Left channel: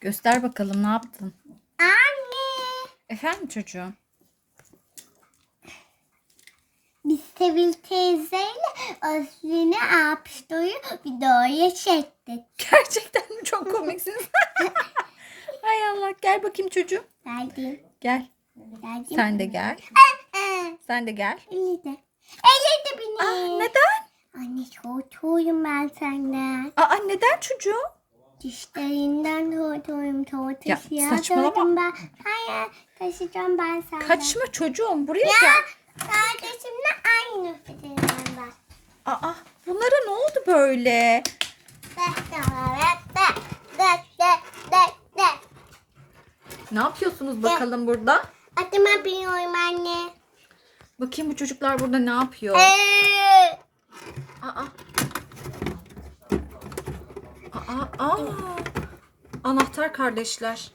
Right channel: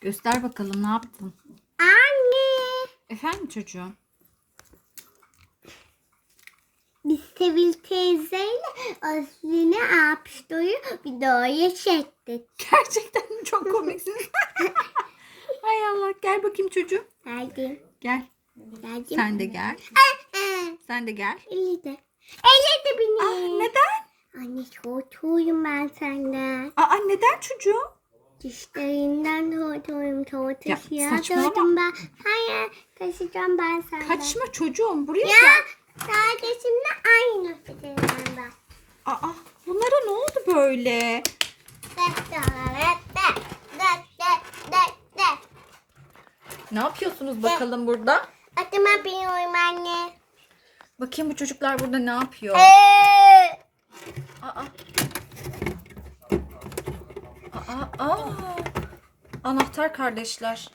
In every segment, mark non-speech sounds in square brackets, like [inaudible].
Göster bakalım ne yaptın? Anne. Efendim çocuğum? Biz Sevil teyzeyle Özlü'nü Apşto'yu videoya çektik. Gerçekten mi çok komiksiniz? [laughs] Hay Allah gel bakayım çocuğum. Geldim. Gel. Geldim. Sen de gel. Sen de gel. İyi de. Eyledi beni. Aa, neden? Anne soğutuyum ben senden. Aa neden çocuğum? Dişlerinden. Ya, Soğutusu ya. saçmalama. Ben. Hayır. Taşıyacağım ben senden. Kaçma çocuğum buraya Ya gel. kardeşimle aynı fikirden ben. Aa bunlara ne oldu böyle? De, de, de, de. Ne yapıyorsunuz bakalım burada? Adıma biniyorum anne. Bakayım bu çocuklar burada ne yapıyor? Ee, Aa. Aa, aa. Anahtar kardeşler.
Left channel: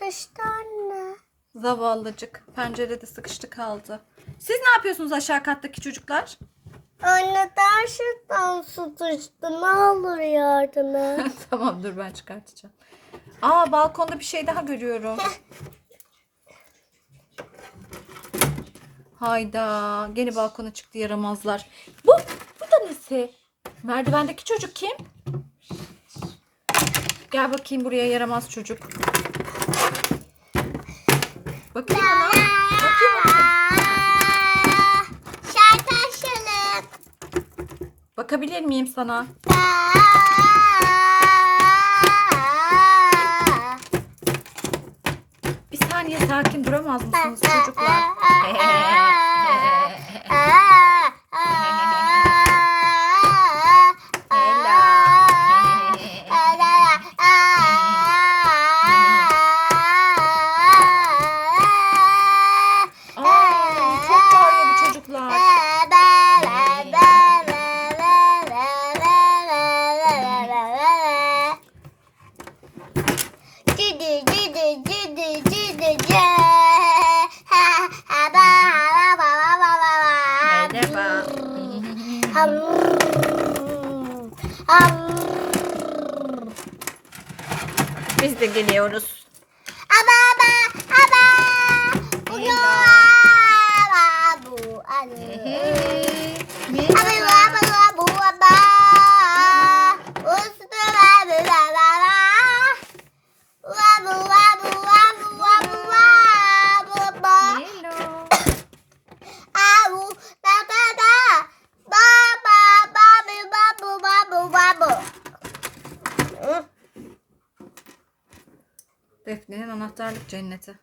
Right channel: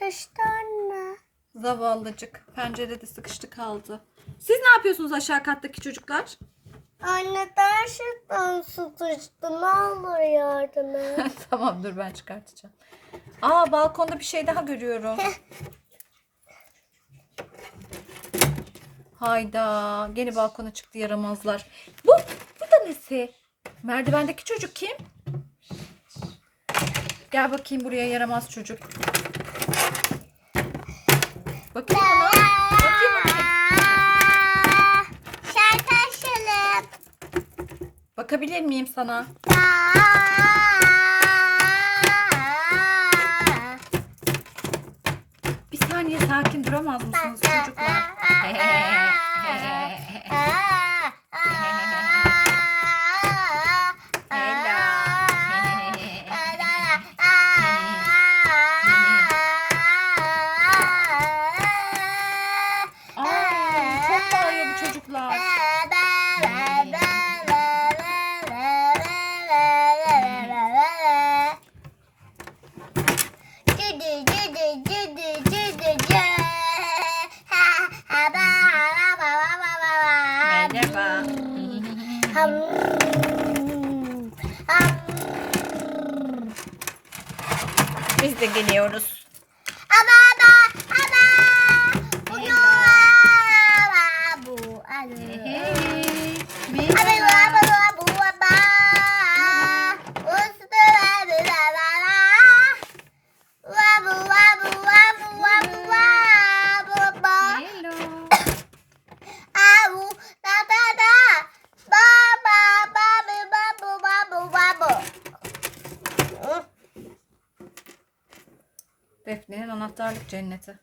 Taştı anne. Zavallıcık. Pencerede sıkıştı kaldı. Siz ne yapıyorsunuz aşağı kattaki çocuklar? Anne gerçekten sıkıştı. Ne olur yardım et. [laughs] tamam dur ben çıkartacağım. Aa balkonda bir şey daha görüyorum. Hayda. Gene balkona çıktı yaramazlar. Bu, bu da nesi? Merdivendeki çocuk kim? Gel bakayım buraya yaramaz çocuk. Bakayım ona. Bakayım bakayım. Aa, Şarkışılıp. Bakabilir miyim sana? Bir saniye sakin duramaz mısınız çocuklar? [laughs] çocuklar. Cidi cidi cidi cidi ba. Merhaba. Ham. Ham. Biz de geliyoruz. Defne'nin anahtarlık cenneti.